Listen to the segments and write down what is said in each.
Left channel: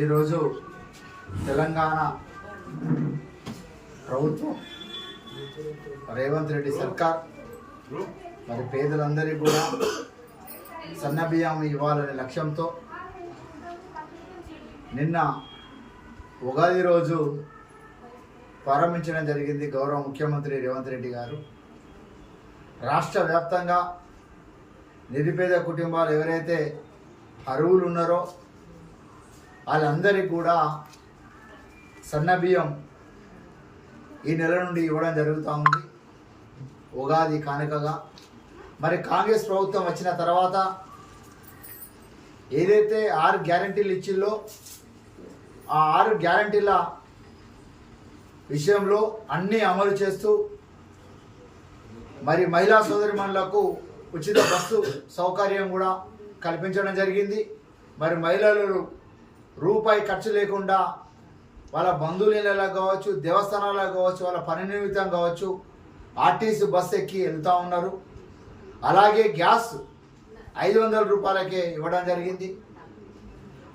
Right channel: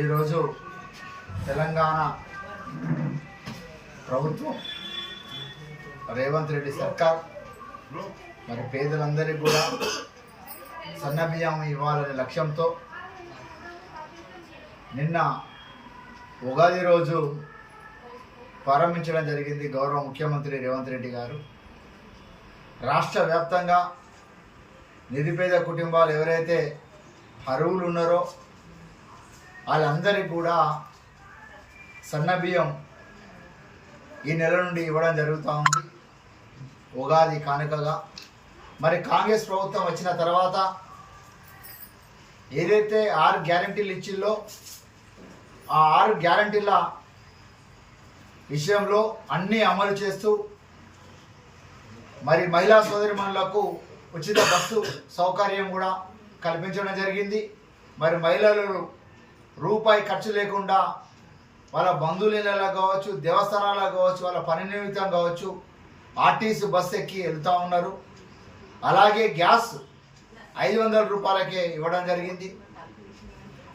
ఈరోజు తెలంగాణ ప్రభుత్వం రేవంత్ రెడ్డి సర్కార్ మరి పేదలందరికీ కూడా సన్నబియ్యం ఇవ్వాలనే లక్ష్యంతో నిన్న ఉగాది రోజు ప్రారంభించడం జరిగింది. గౌరవ ముఖ్యమంత్రి రేవంత్ రెడ్డి గారు రాష్ట్ర వ్యాప్తంగా నిరుపేద కుటుంబాలు ఎవరైతే అర్హులు ఉన్నారో వాళ్ళందరికీ కూడా సన్నబియ్యం ఈ నెల నుండి ఇవ్వడం జరుగుతూ ఉంది ఉగాది కానుకగా. మరి కాంగ్రెస్ ప్రభుత్వం వచ్చిన తర్వాత ఏదైతే 6 గ్యారంటీలు ఇచ్చిందో ఆ 6 గ్యారంటీల విషయంలో అన్నీ అమలు చేస్తూ మరి మహిళా సోదరిమణులకు ఉచిత బస్సు సౌకర్యం కూడా కల్పించడం జరిగింది. మరి మహిళలు రూపాయి ఖర్చు లేకుండా వాళ్ళ బంధువులకు కావచ్చు, దేవస్థానాలకు కావచ్చు, వాళ్ళ పని నిమిత్తం కావచ్చు ఆర్టీసీ బస్సు ఎక్కి వెళ్తూ ఉన్నారు. అలాగే గ్యాస్ 500 రూపాయలకే ఇవ్వడం జరిగింది.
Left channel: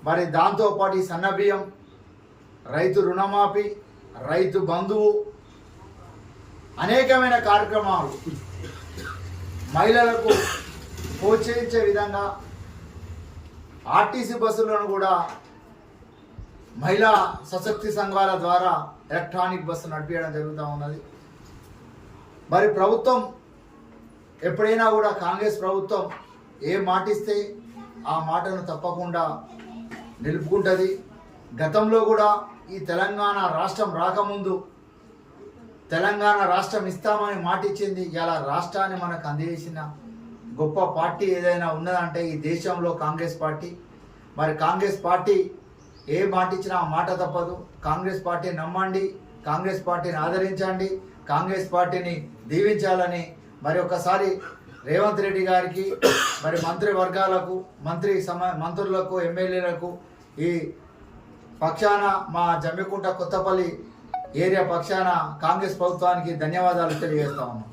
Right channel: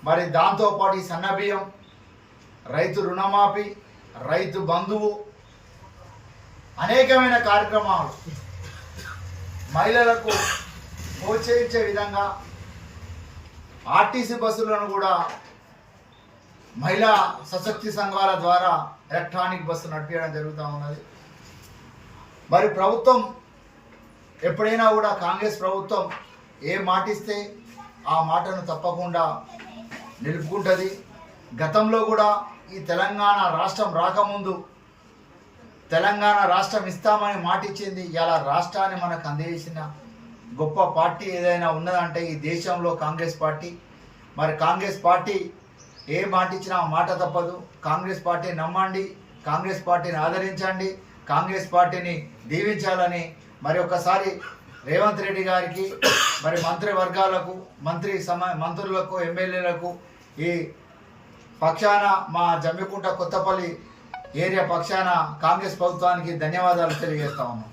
మరి దాంతోపాటు ఈ సన్నబియ్యం, రైతు రుణమాఫీ, రైతు బంధువు అనేకమైన కార్యక్రమాలు మహిళలకు ప్రోత్సహించే విధంగా ఆర్టీసీ బస్సులను కూడా మహిళా సశక్తి సంఘాల ద్వారా ఎలక్ట్రానిక్ బస్సు నడిపించడం జరుగుతూ ఉన్నది. మరి ప్రభుత్వం ఎప్పుడైనా కూడా కాంగ్రెస్ ప్రభుత్వం ఏ మాటిస్తే ఆ మాటను తప్పకుండా నిలుపుకుంటుంది. గతంలో కూడా ఈ తెలంగాణ రాష్ట్రం రాకముందు తెలంగాణ రాష్ట్రం ఇస్తామని మాటిచ్చింది. ఇలా రాష్ట్రాన్ని మనకు అందజేసిన గొప్ప పార్టీ ఏదైనా ఉన్నదంటే ఈ దేశంలో కాంగ్రెస్ పార్టీ. మరి కాంగ్రెస్ పార్టీ ఏ మాట ఇచ్చినా ఆ మాట తప్పదు. కాంగ్రెస్ పార్టీని నమ్మండి, కాంగ్రెస్ పార్టీని ఆదరించండి, కాంగ్రెస్ పార్టీని దీవించాలని మరి ఒకసారి రేవంత్ రెడ్డి గారికి, మరి మంత్రివర్గాలకు, మంత్రులకు, ఎమ్మెల్యేలకు ఈ పక్షాన మా జమ్మికుంట కొత్తపల్లి ఏరియా పక్షాన కాంగ్రెస్ ప్రభుత్వానికి ధన్యవాదాలు తెలియజేస్తా ఉన్నాం.